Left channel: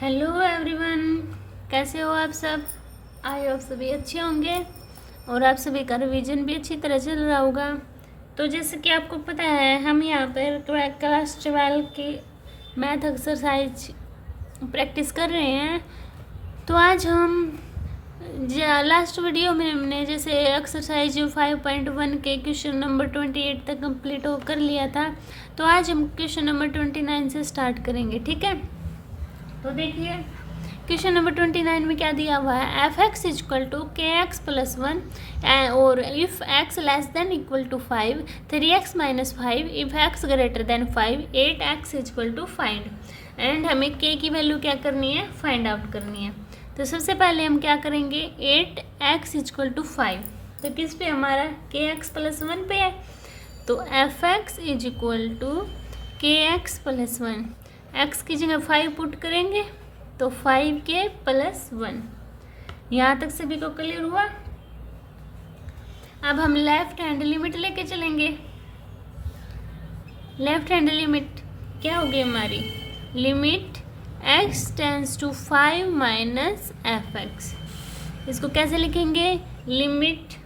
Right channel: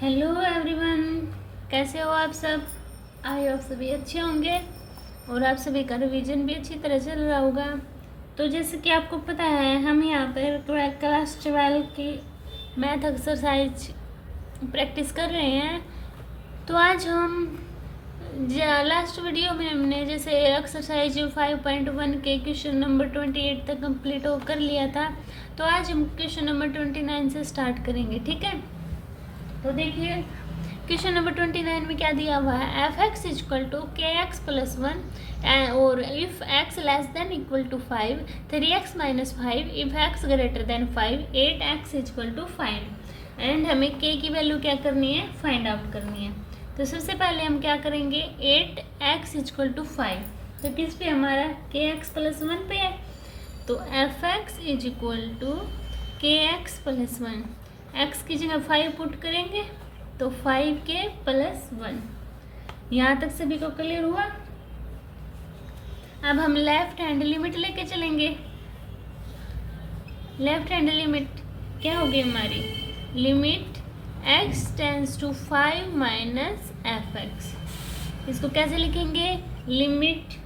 Hello everyone, कैसे हो आप सब। आई होप सभी अच्छे होंगे और आप सभी का रिवीजन भी अच्छी तरह चल रहा होगा। तो जैसे कि आपको पता है, हम यहाँ पर क्लास 12 की मैथ एक्सरसाइज प्रैक्टिस कर रहे हैं। तो आज हम लास्ट वीडियो में हमने जैसे एक्सरसाइज 5.1 के क्वेश्चन नंबर 28 तक कंप्लीट हो कर लिया था। तो आज हम क्वेश्चन नंबर 29 से स्टार्ट करेंगे, ठीक है। तो देखिए क्वेश्चन नंबर 29 में क्या दिया हुआ है, f x is equal to k x plus 1 और if x less than equal to 5, 3x minus 5, if x greater than 5, 8x is equal to find. And हमें k की वैल्यू क्या करनी है, फाइंड आउट करनी है। तो सबसे पहले हम क्या करेंगे, 8x इजक्वल टू 5, तो किस पे हमारा के एक्स प्लस 1 पे है। तो f x is equal to k x plus 1, x की जगह 5 पुट करेंगे तो 5k प्लस 1। यहाँ तक सभी को क्लियर हुआ। अब हम लेफ्ट हैंड लिमिट लेके चलेंगे। लेफ्ट हैंड लिमिट क्या होगी हमारी, limit x tends to 5 minus f x. इसको कैसे लिखेंगे, limit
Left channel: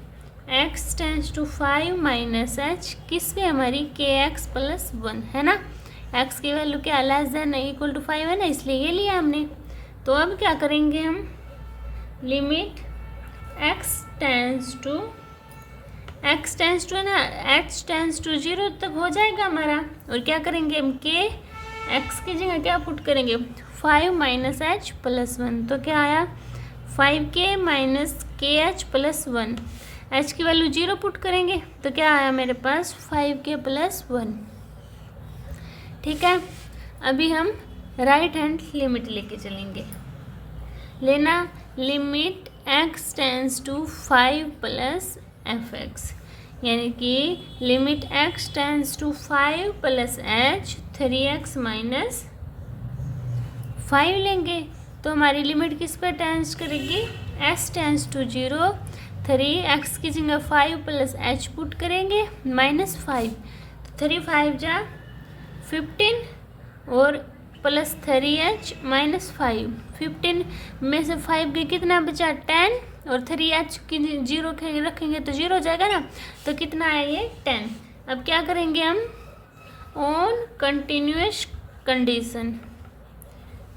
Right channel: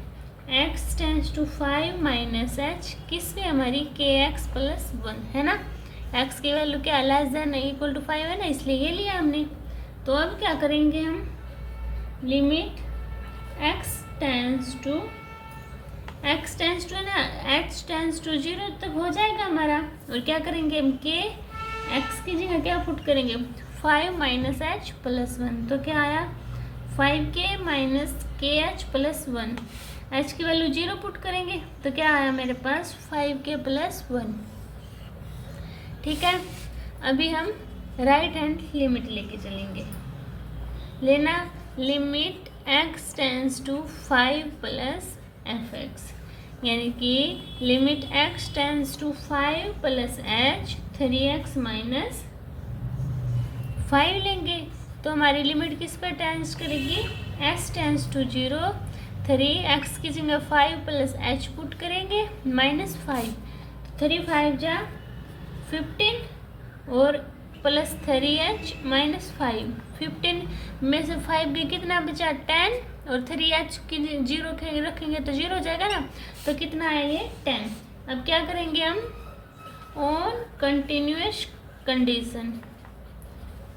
x tends to 5 minus h, किस पे हमारी के एक्स प्लस 1 है ना। x की वैल्यू क्या लेस देन इक्वल टू 5 है ना, इसलिए ये लिया हमने। तो अब क्या करेंगे हम, लिमिट x टेंस टू है ना, h टेंस टू 0 तक हो जाएगा हमारा। और क्या करेंगे हम, के x की जगह क्या पुट करेंगे, 5 माइनस h प्लस 1। तो क्या आया, 5k माइनस के एच प्लस 1। h की वैल्यू 0 पुट करेंगे तो क्या आया मेरे पास, 5k प्लस 1, ठीक है। अभी हम राइट हैंड लिमिट लेके चलेंगे। लेना limit x tends to 5 plus f x, यानी कि limit x tends to 5 plus h, 3x minus 5 लेंगे तो हमारी लिमिट किस पर टेंस करेगी, s टेंस टू 0, 3x की जगह 5 प्लस h पुट करेंगे माइनस 5, तो 3 5 जा 15 और प्लस 3h माइनस 5, 15 में से 5 के कितना बचा 10, और 3h की 0 रखेंगे तो 0 हो जाएगा ना, तो कितना है ये 10। अब क्या करेंगे हम, ऑन कंटिन्यूअस कंडीशन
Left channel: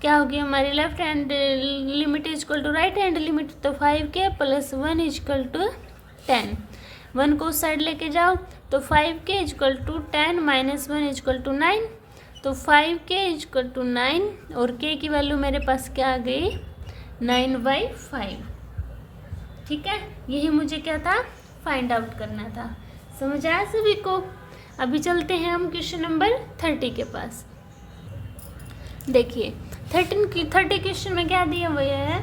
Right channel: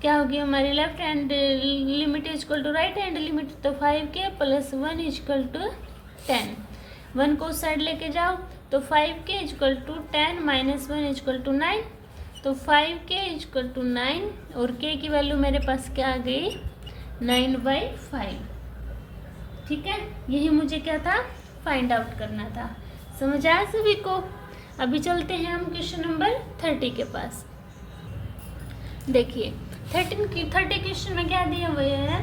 क्या होगी हमारी, left hand limit is equal to right hand limit, तो 5k plus 1 is equal to 10। 1 को साइड लेके जाओ तो 5k is equal to 10 minus 1 is equal to 9, तो 5k इज इक्वल टू 9 और k की वैल्यू मेरे पास क्या आ गई, 9/5, ठीक है। यही मुझे क्या था, फाइंड आउट करना था। समझ आया सभी को। अभी चलते हैं हम क्वेश्चन नंबर 30 के पास। देखिए 30 क्वेश्चन में क्या दिया हुआ है,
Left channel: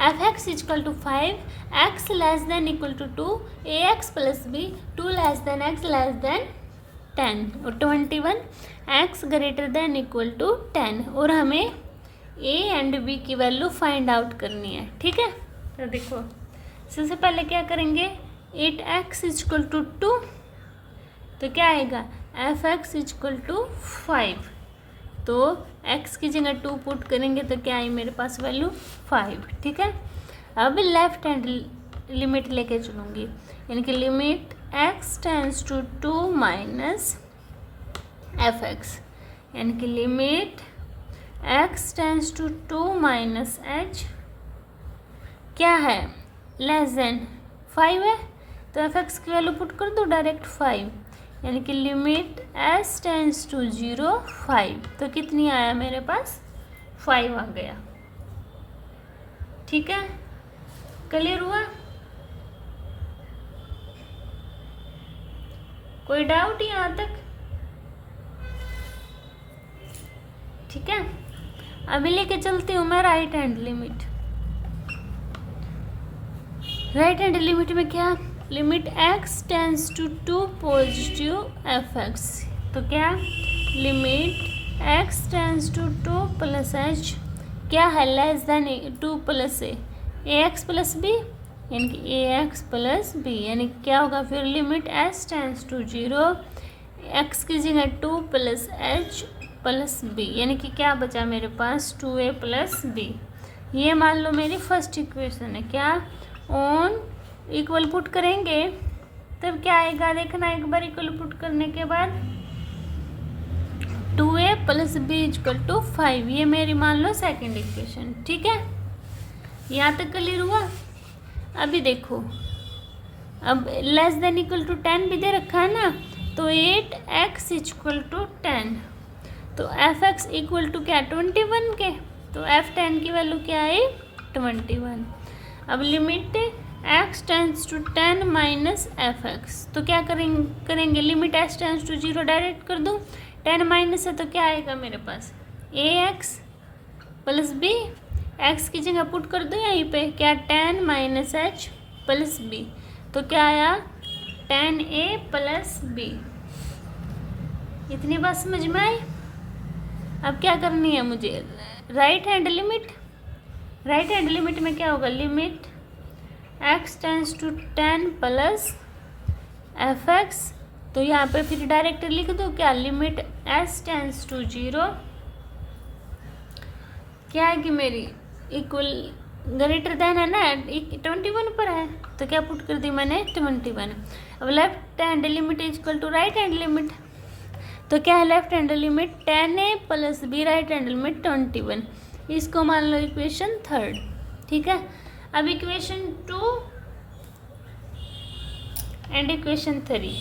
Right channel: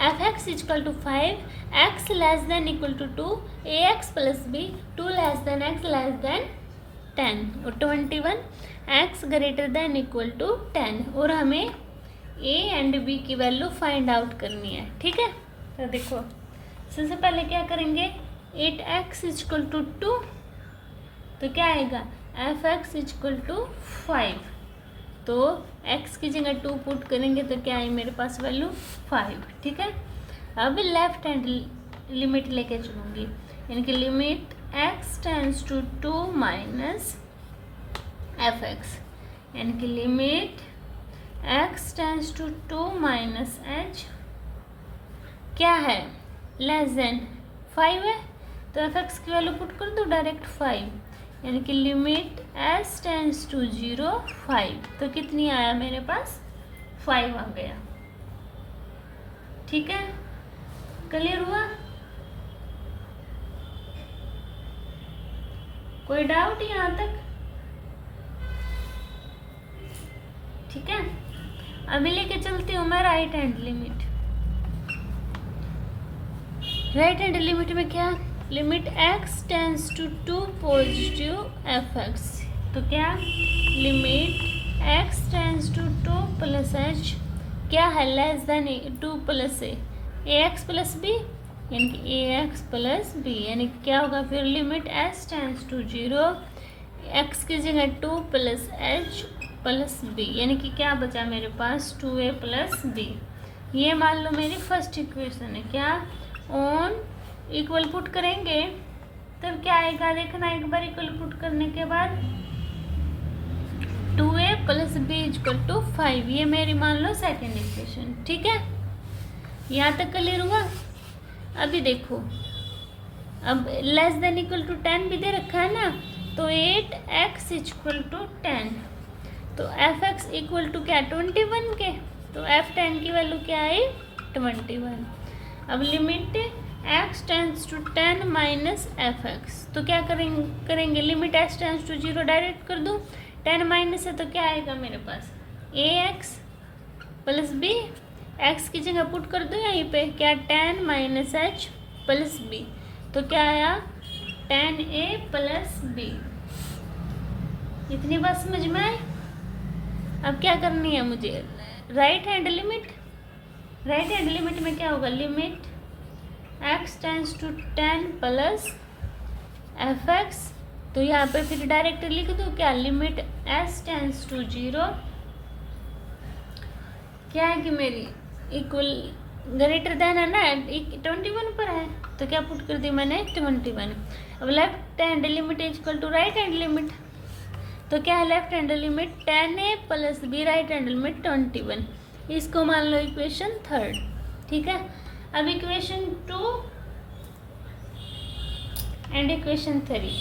f x is equal to 5, x less than equal to 2, a x plus b, 2 less than x less than 10 और 21 x greater than equal to 10, और हमें ए एंड बी की वैल्यू फाइंड आउट करनी है, ठीक है। तो देखो सबसे पहले क्या करेंगे, 8x इजक्वल टू 2, तो क्या आएगा, एफ एक्स इजक्वल टू 5, तो x की जगह 2 पुट करेंगे तो क्या है मेरे पास वैल्यू 5, ठीक है। अब लेफ्ट हैंड लिमिट लेके चलूँगी, यानी कि limit x tends to 2 minus f x, यानी कि limit x tends to 2 minus h क्या है, लेस देन 5 है, तो एफ एक्स की वैल्यू पुट कर दो डायरेक्ट 5, यानी कि लिमिट s टेंस टू 0 5, तो कितनी आया मेरे पास 5 आ गया, ठीक है। क्लियर हुआ, कोई डाउट यहाँ तक, ठीक है। अभी लेके चलती हूँ मैं right hand limit. Right hand limit में क्या, limit x tends to 2 positive f x, तो क्या limit x tends to 2 plus h क्या है, less than 2 plus a x plus b, यानी कि ए एक्स प्लस बी, यानी क्या होगा फिर, limit s tends to 0, x की जगह 2 प्लस h प्लस बी, यानी कि क्या बचा मेरे पास 2a प्लस बी। ये मान लो मेरी फर्स्ट इक्वेशन है। क्या ऑन इक्वल पुट करेंगे तब क्या आएगा, देखना एक बार इक्वल पुट करने के बाद 2a plus b equal to 5। ये मेरी मान लो सेकेंड इक्वेशन। ठीक है, यहाँ तक क्लियर हुआ। अभी देखो, अब लेस देन इक्वल टू 10 भी दे रखा है ना, तो 8x इक्वल टू 10, तो fx इक्वल टू क्या 21 के, तो f10 की वैल्यू क्या आई 21। अब limit x tends to 10 minus fx, तो क्या करेंगे limit x tends to 0 direct कर दूँ, 10 माइनस है तो क्या आएगा मेरे पास ax प्लस b, x की जगह पुट कर दो यहीं पे, क्या 10 माइनस h प्लस b, तो क्या आया 10a प्लस b। इतनी बात समझ में आई। अब क्या करनी है मुझे, right hand limit. Right hand limit में क्या होगा, limit x tends to 10 plus fx, तो यहाँ पे फिर डायरेक्ट लिख दो क्या, लिमिट s टेंस टू 0 क्या है कि मेरी इक्वल ग्रेटर देन है ना 21 पर है, तो क्या पुट कर दी मैंने 21। अब left hand limit equal to right hand limit, तो क्या है left hand limit 10a plus b, right hand limit 21। इसको मान लो इक्वेशन थर्ड। ठीक है, अब इक्वेशन 2 एंड इक्वेशन 3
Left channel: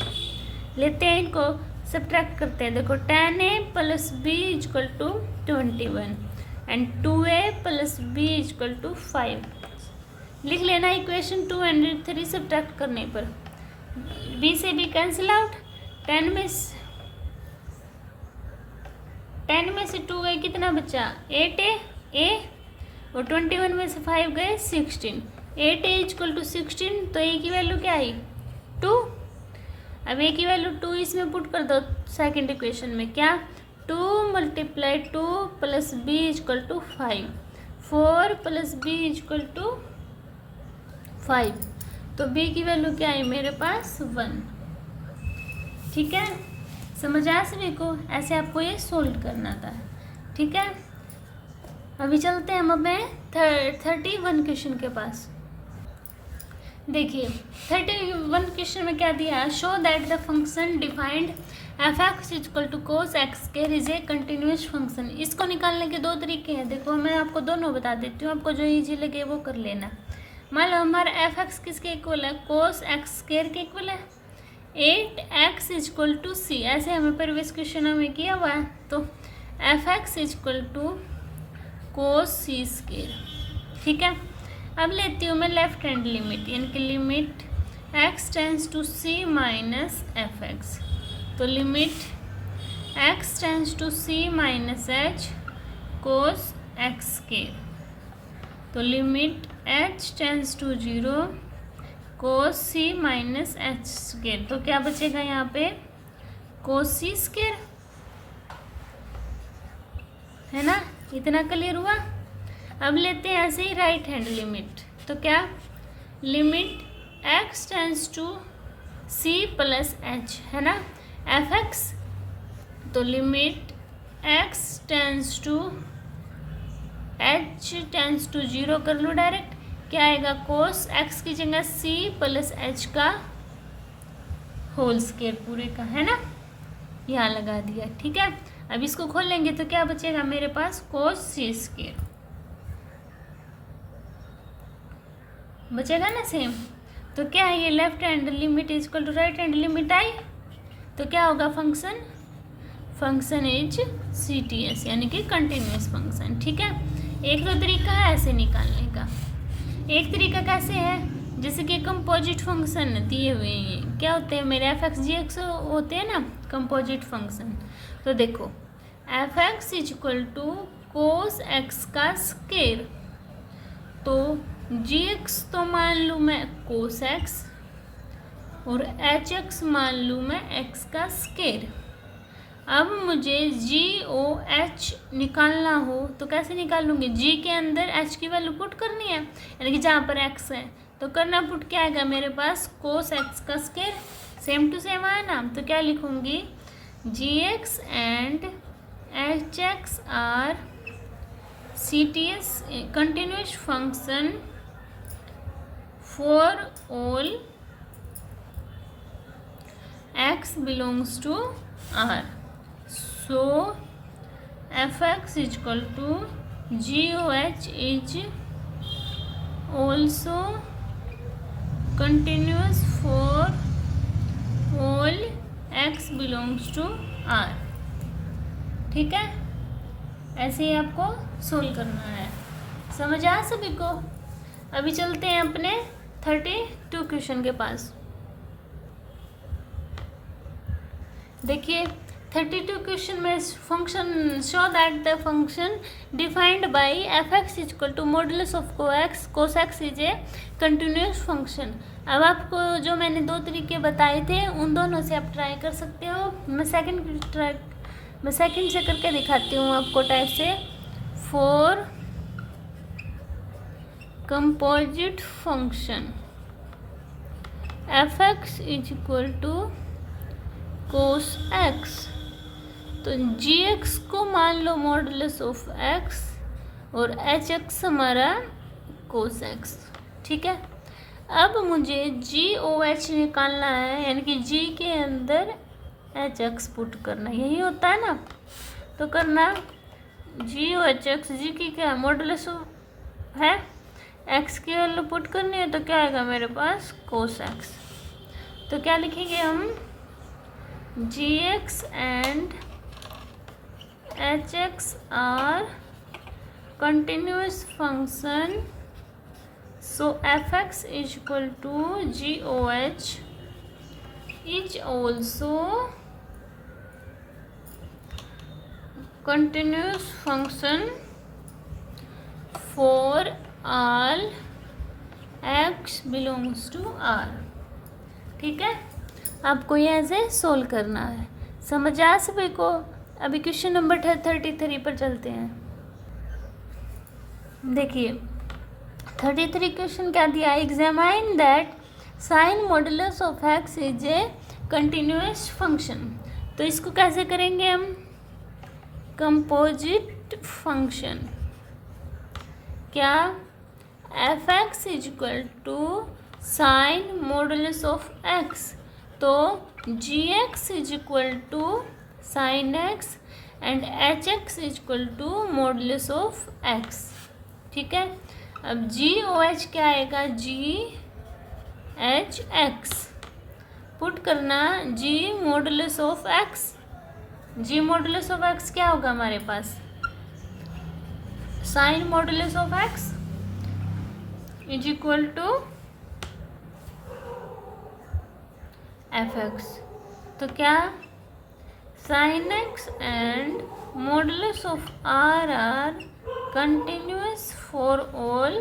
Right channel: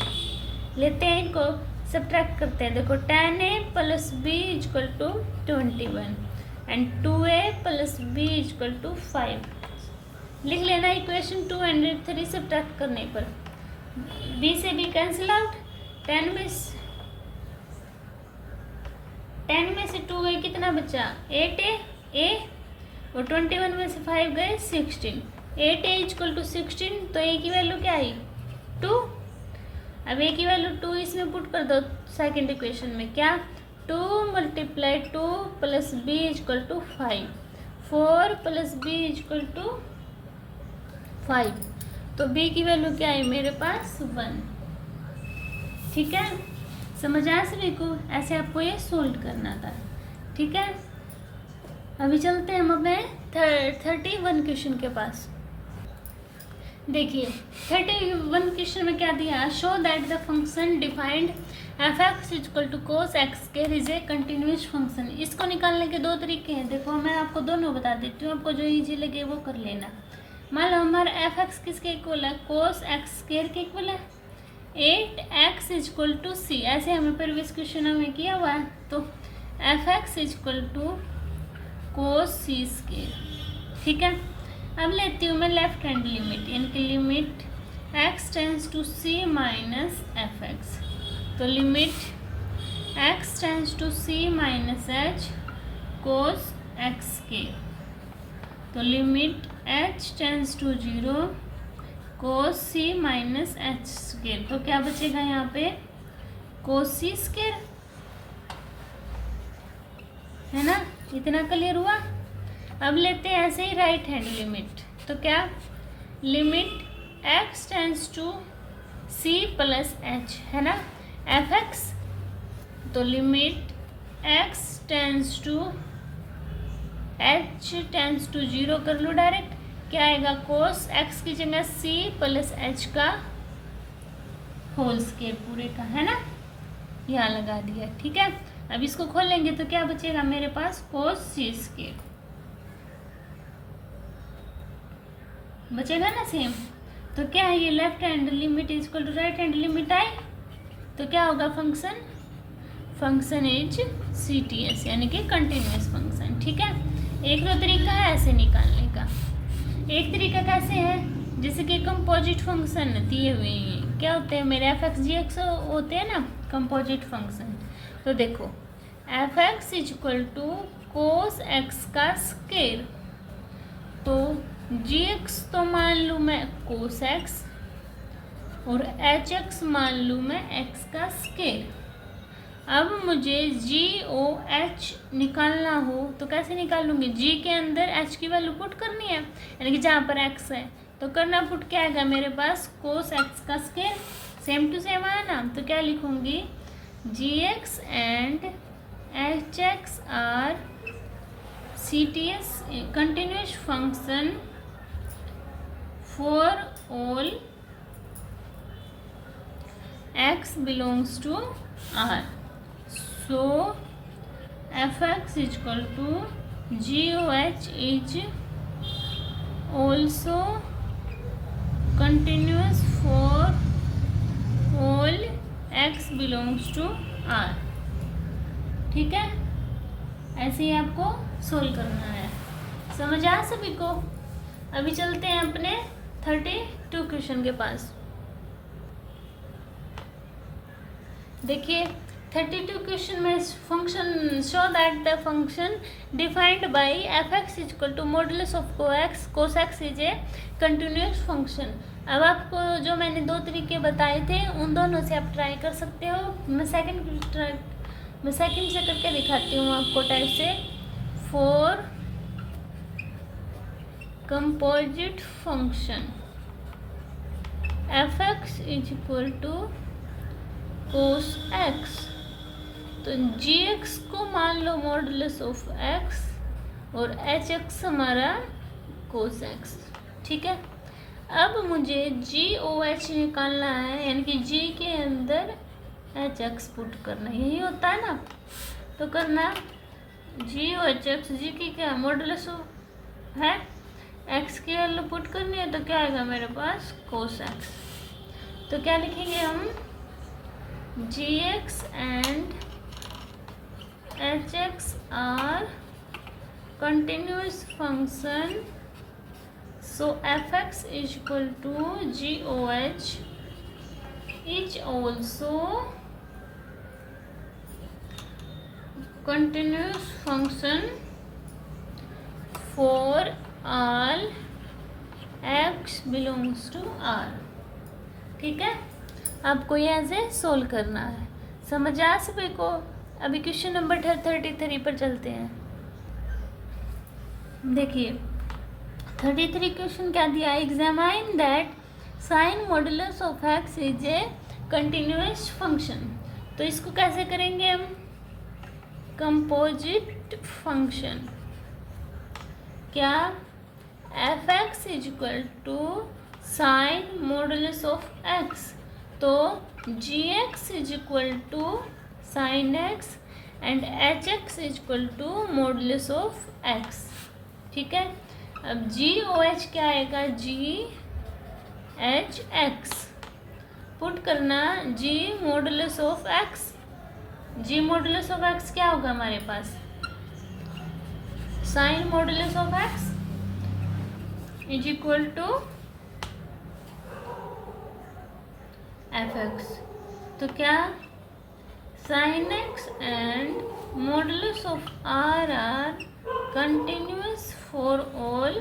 लेते हैं, इनको सब्ट्रैक्ट करते हैं। देखो 10a plus b equal to 21 and 2a plus b equal to 5। लिख लेना इक्वेशन 2 एंड 3 सब्ट्रैक्ट करने पर b से b कैंसिल आउट, 10 में से 2a कितना बचा 8a और 21 में से 5 गए 16, 8a इक्वल टू 16, तो a की वैल्यू क्या आई 2। अब a की वैल्यू 2 इसमें पुट कर दो सेकंड इक्वेशन में, क्या 2 multiply 2 plus b equal to 5, 4 plus b equal to 5, तो b की वैल्यू क्या है मेरे पास 1। ठीक है, समझ आया सभी को, ऐसे आपको ये सोल्व करना था। ठीक है, अभी चलते हैं हम अपने 31 क्वेश्चन के पास। देखिए 31 क्वेश्चन में क्या दिया है, show that the function defined f(x) equal to cos x square is a continuous function. इसको निकालने के दो तरीके हैं। देखो मैं आपको दोनों बता देती हूँ, आपको जो इजी लगे वो कर लेना। मान लो हमारा f(x) किसके इक्वल है, cos x स्क्वायर के इक्वल है, 8x इक्वल टू सी, ऐसे हमें प्रीवियस क्वेश्चन में किया हुआ है। तो f(x) equal to cos c square. ठीक है, अब लेती हूँ मैं लेफ्ट हैंड लिमिट, यानी कि limit x tends to c minus fx, तो limit x tends to c minus h cos x square, तो limit h tends to 0 cos c minus h square, तो क्या बचेगा यहाँ पे cos c स्क्वायर, है ना। इतना क्लियर हुआ। अब लेते हैं ऐसे ही राइट हैंड लिमिट, तो क्या limit x tends to c plus h, है ना, fx, तो limit x tends to h tends to 0 कर लो डायरेक्ट, क्या आएगा cos x की जगह c प्लस h का होल स्क्वायर पूरे का, है ना, यहाँ लगा दिया। ठीक है, अब इसको खोलेंगे तो क्या बचेगा मेरे पास cos c स्क्वायर बचेगा ना सेम। तो क्या है ये left hand limit equal to right hand limit आई, तो क्या होगा फंक्शन इज CTS, यानी कि कंटिन्यूस फंक्शन। ठीक है, एक दो तरीका है ऐसे निकालने का। एक तरीका कैसे है, जैसे कि कंपोजिट फंक्शन दिए हुए हैं, क्या होते हैं मेरे f(x) g(x) होते हैं ना कंपोजिट फंक्शन। तो देखो f(x) equal to cos x का स्क्वायर, तो gx तो मान लूँ मैं cos x और hx मान लूँ मैं x का स्क्वायर। अब मुझे GOH निकालना हो तो कैसे निकालूंगी, g के अंदर h की वैल्यू पुट करनी है, यानी कि जहाँ पर x है तो करना पुट क्या आएगा मेरे पास cos x का स्क्वायर, सेम टू सेम आया ना, तो क्या लिखूंगी gx and hx are CTS continuous function for all x belongs to R. So fx is equal to goh is also continuous for all x belongs to R. ठीक है, ऐसे ही आपको solve करना है। समझ आया सभी को? अभी चलते हैं अपने 32 क्वेश्चन के पास। देखिए 32 क्वेश्चन में function show that the function defined by f x is equal to modulus of cos x is a continuous function. अब आपको जो मैंने दो तरीके बताए थे उन दोनों से आप ट्राई कर सकते हो। मैं सेकंड से करके दिखाती हूँ आपको टाइप से। For composite function f x is equal to cos x, तो जी एक्स को मान लो मॉडुलस ऑफ एक्स और एच एक्स हमारा कोस एक्स। ठीक है, अब मुझे जी ओ एच निकालना है, यानी कि जी के अंदर एच एक्स पुट करना, यही होता है ना। तो करना जी ओ एच एक्स, जी की क्या मॉडुलस है, एक्स की वैल्यू पुट करनी है, तो क्या आएगा मेरे पास कोस एक्स। तो क्या लिखेंगे हम, gx and hx are continuous function, so fx is equal to goh is also continuous function for all x belongs to R। ठीक है, आपको ये ऐसे सोल्व करना है। समझ आ सभी को? अभी क्वेश्चन नंबर 33 पर चलते हैं। देखिए 33 क्वेश्चन क्या दिया, examine that sine modulus of x is a continuous function. तो इसको कैसे करेंगे हम, कंपोजिट फंक्शन। क्या, f x is equal to sine modulus of x, तो g x is equal to sine x and h x is equal to modulus of x. ठीक है, अब जी ओ एच क्या आएगा, जी एच एक्स पुट करना g modulus of x. G modulus of x क्या होगा हमारे पास, sine modulus of x is equal to f x. तो क्या, sine x and modulus of R are continuous for all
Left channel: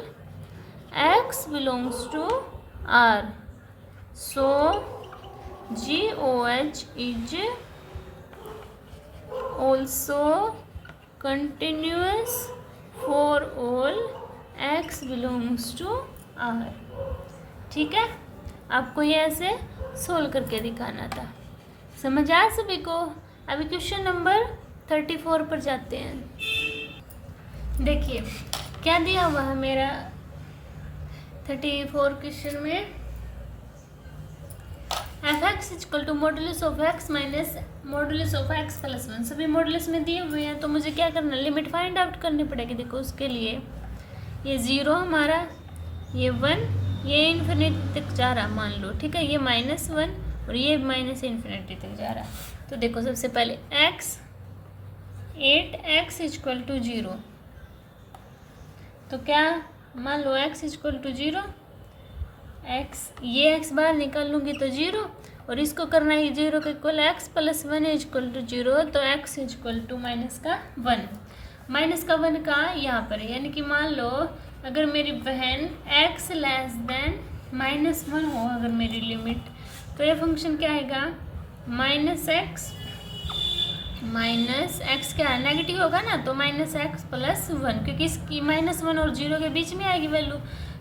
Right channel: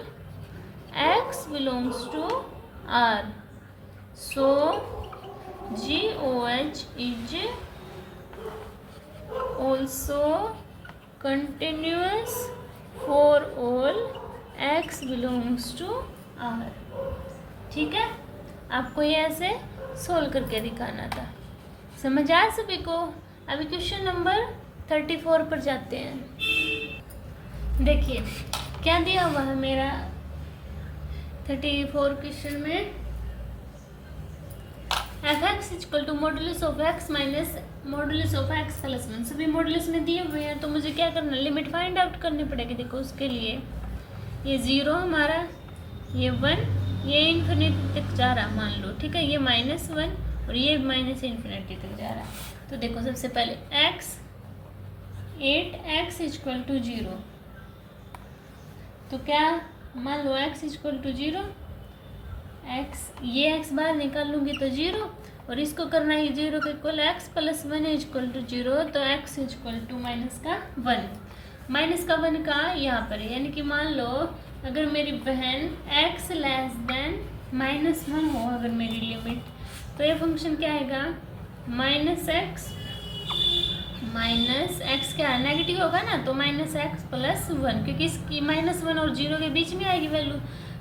x belongs to R, so g o h is also continuous for all x belongs to R. ठीक है, आपको ये ऐसे solve करके दिखाना था। समझ आया सभी को? अभी क्वेश्चन नंबर 34 पर जाते हैं। देखिए क्या दिया हुआ है मेरा 34 क्वेश्चन में, f x is equal to modulus of x minus modulus of x plus 1। सभी मॉडुलस में दिए हुए हैं, तो मुझे क्या करना, लिमिट फाइंड आउट करनी पड़ेगी। देखो उसके लिए ये 0 हमारा, ये 1, ये इन्फिनिटी तक जा रहा मान लो। ठीक है, ये -1 और ये माइनस इन्फिनिटी तक जा रहा। तो देखो सबसे पहले x 8x इक्वल टू 0, तो क्या मान लो x इक्वल टू 0, x ये x बाहर निकाल लूँगी तो 0, और इसको करना है 0 के equal x plus 1 equal to 0, तो x इक्वल टू -1। -1 का यहाँ पर है, यानी कि मान लो अगर मेरी बहन x लेस देन -1 हो अगर मेरी लिमिट, तो ये फंक्शन क्या आएगा, -x क्या नेगेटिव होगा ना, तो -x प्लस 1, क्योंकि इसकी -1 और 0 के बीच में आएगी वैल्यू।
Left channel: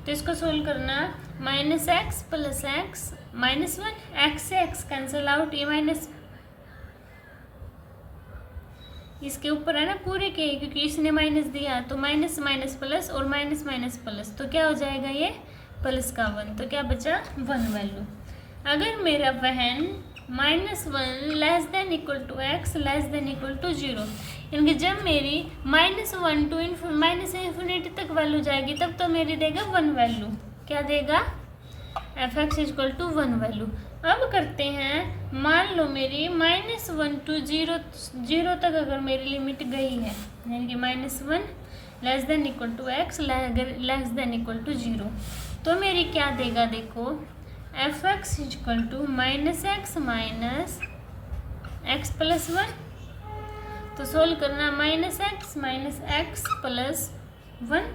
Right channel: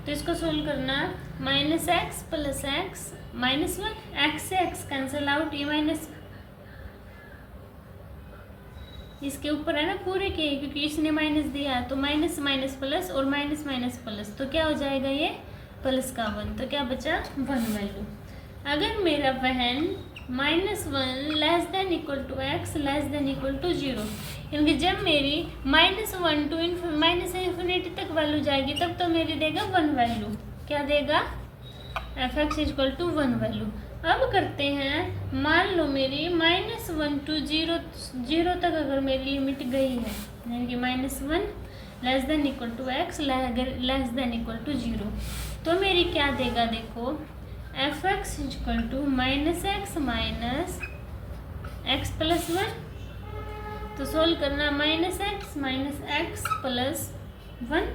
तो इसको सोल्व करना, -x प्लस x -1, x से x कैंसिल आउट, ये इसके ऊपर है ना पूरे के, क्योंकि इसने माइनस दिया तो माइनस माइनस प्लस और माइनस माइनस प्लस, तो क्या हो जाएगा ये प्लस का 1, तो क्या बचा 1 वैल्यू। अगर मेरा वहन -1 less than equal to x less than equal to 0, यानी जब मेरी -1 टू माइनस इन्फिनिटी तक वैल्यू जाएगी तब तो मेरी देगा 1 वैल्यू। क्या देगा? F x equal to 1 value. अब करते हैं, मान लो मेरी -1 टू 0 तक अगर मेरी लिमिट गई है, यानी कि -1 less than equal to x less than equal to 0, तो मेरी क्या देगा? देखो f x equal to -x minus x plus 1, तो सोल्व करना -x माइनस एक्स प्लस 1,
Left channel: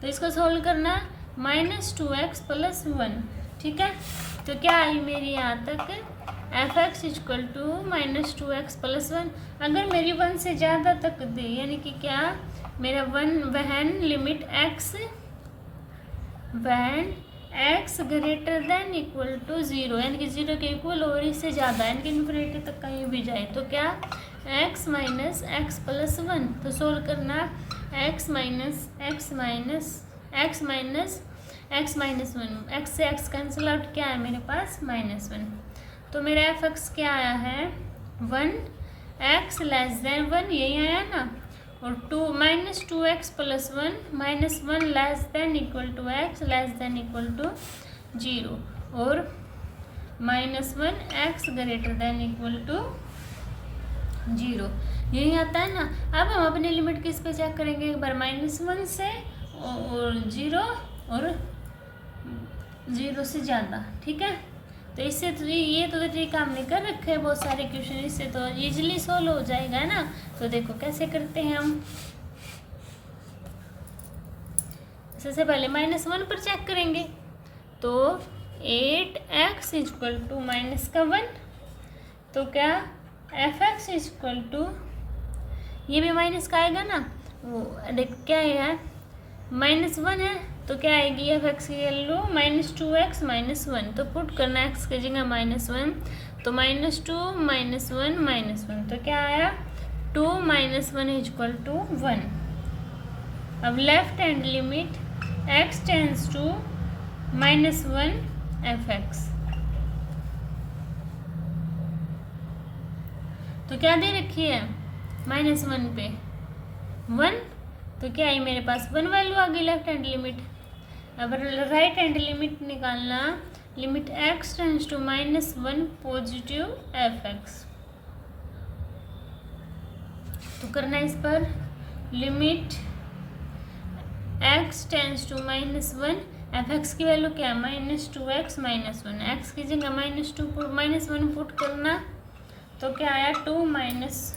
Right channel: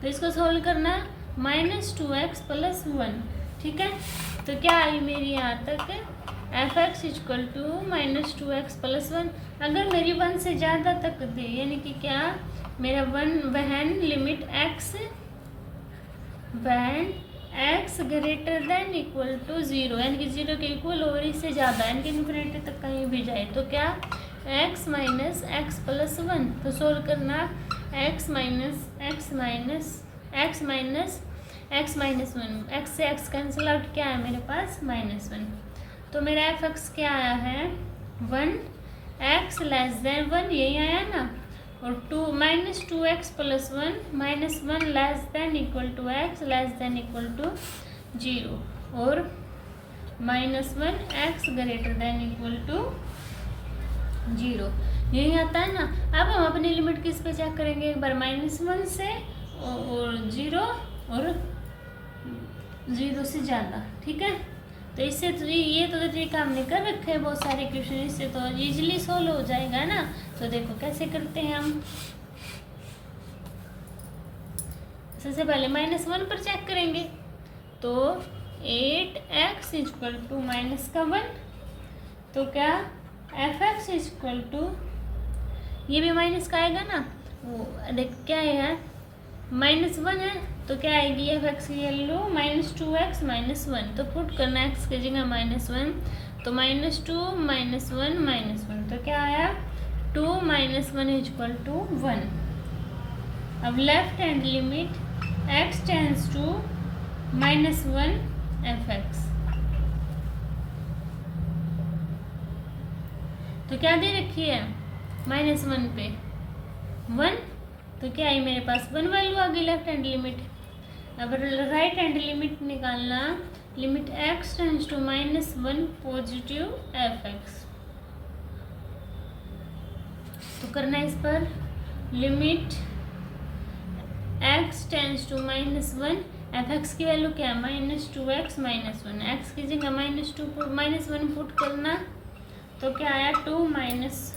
तो इसको सोल्व करना -2x प्लस 1, ठीक है। तो क्या आई मेरी यहाँ तक f x equal to -2x plus 1। अगर मेरी 1 से ज़्यादा तक दे, यानी कि क्या मेरा वहन limit x greater than equal to 0, यानी कि 0 के इक्वल और इससे ज़्यादा, यानी कि इन्फिनिटी तक कहीं भी जाए, तो क्या x माइनस एक्स प्लस 1, तो सोल्व करना x minus x minus x से x कैंसिल आउट, क्या है मेरे पास -1, तो मेरा एफ एक्स क्या आया है 1x लेस देन 1, यही आया ना, और -2x plus 1 -1 less than equal to x less than equal to 0, और -1x greater than equal to 0, यही आता है ना। अब हम अपनी लिमिट किस पे चेक करेंगे? एक बार -1 से और 0 और 0 से ज़्यादा, ठीक है। तो इससे तो ये तो तरीका हमने कर रखे हैं बहुत सारे क्वेश्चन, इससे तो इजीली सोल्व हो जाएगा ना। तो देखो कैसे करते हैं हम। सबसे पहले -1 पर चेक करेंगे, तो 8x इक्वल टू -1, तो क्या एफ एक्स इक्वल टू, ये भी माइनस का आएगा ना, वो देख क्या है -1 है, तो क्या आएगी एफ एक्स की वैल्यू -2x माइनस 1, तो पुट करना x की जगह -1, तो -2 -1 -1, तो क्या आया 2 - 1 इक्वल टू 1। अब left hand limit x tends to -1 f x, तो क्या दे रखी है -1 पे 1, तो क्या है मेरे पास 1 वैल्यू आ गई लेफ्ट हैंड लिमिट। अब राइट हैंड लिमिट निकालना, limit x tends to -1 positive f x, तो करना है इस पर limit x tends to -1 f x की वैल्यू क्या है -2x माइनस 1, एक्स की जगह -1 पुट करना, तो क्या आया 2 माइनस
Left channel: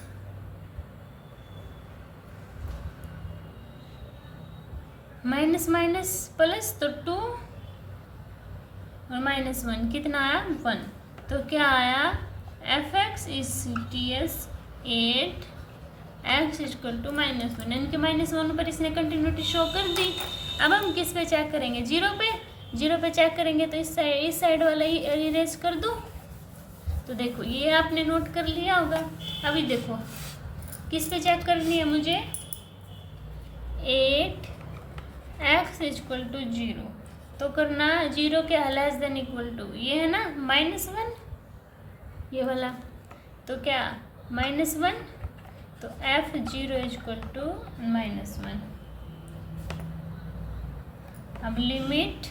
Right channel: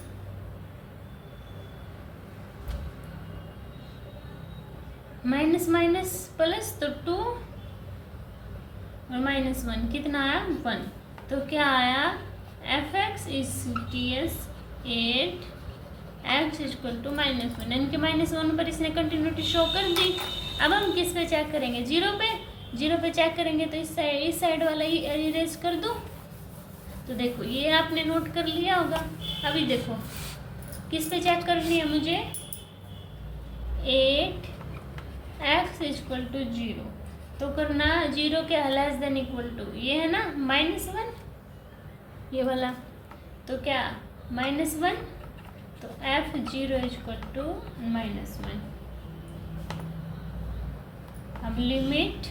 प्लस, तो 2 और -1 कितना आया 1, तो क्या आया f x is TS 8x equal to -1, इनके -1 पर इसने कंटिन्यूटी शो कर दी। अब हम किस पे चेक करेंगे? 0 पे चेक करेंगे, तो इस साइड वाला ही इरेज कर दूँ, तो देखो ये आपने नोट कर लिया होगा। अभी देखो किस पे चेक करनी है मुझे, 8x इक्वल टू 0, तो करना 0 क्या लेस देन इक्वल टू, ये है ना -1, ये वाला, तो क्या -1, तो f0 इक्वल टू -1। अब limit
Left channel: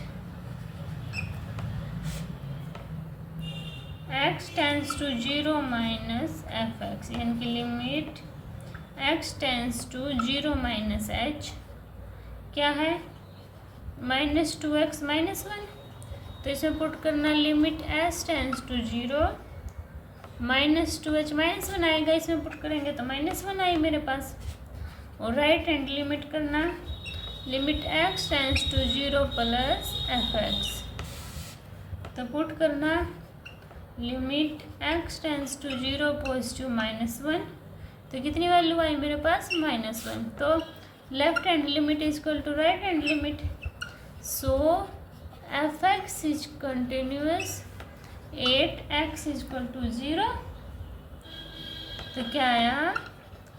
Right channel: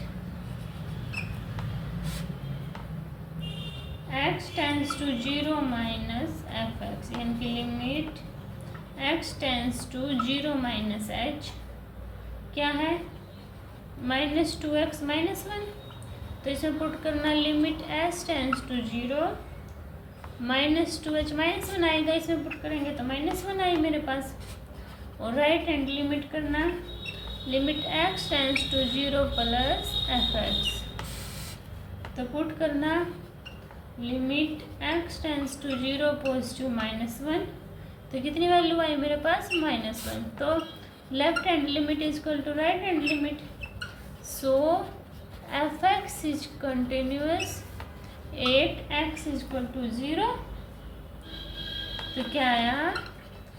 x tends to 0 minus f x, यानी कि limit x tends to 0 minus h क्या है -2x माइनस 1, तो इसे पुट करना limit s tends to 0 -2h minus 1 आएगा, इसमें पुट करेंगे तो -1 आई मेरे पास, और राइट हैंड लिमिट करना limit x tends to 0 plus f x, तो पुट करना limit x tends to 0 positive -1, तो कितनी वैल्यू आई मेरे पास -1, तो left hand limit is equal to right hand limit, so f x is continuous 8x is equal to 0, तो क्या आया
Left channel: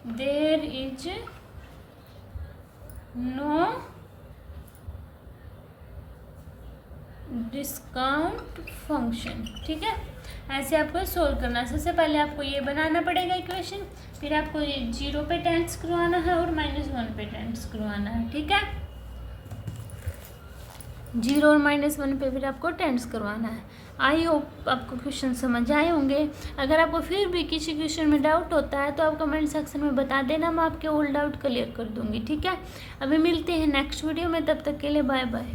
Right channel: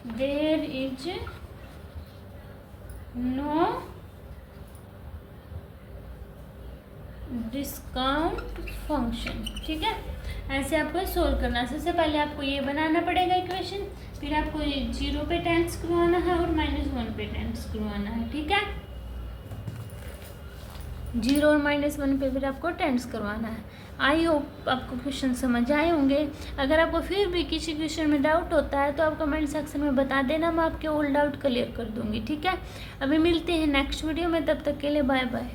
there is no discount function. ठीक है, ऐसे आपको सोल्व करना है। सबसे पहले आपको ये बनाना पड़ेगा इक्वेशन, फिर आपको ये 0 पे टाइम्स करवाना है और -1 पे टाइम्स करवाना है। ठीक है, 0 और -1 पे फिर आपको टाइम्स करवाना है। आई होप आपको क्वेश्चन समझ आए होंगे। अगर आपको फिर भी किसी क्वेश्चन में डाउट होता है तो आप कमेंट सेक्शन में बता देना, मैं आपके ऑल डाउट क्लियर कर दूंगी। ठीक है, अभी मिलते हैं नेक्स्ट वीडियो में, तब तक के लिए बाय बाय।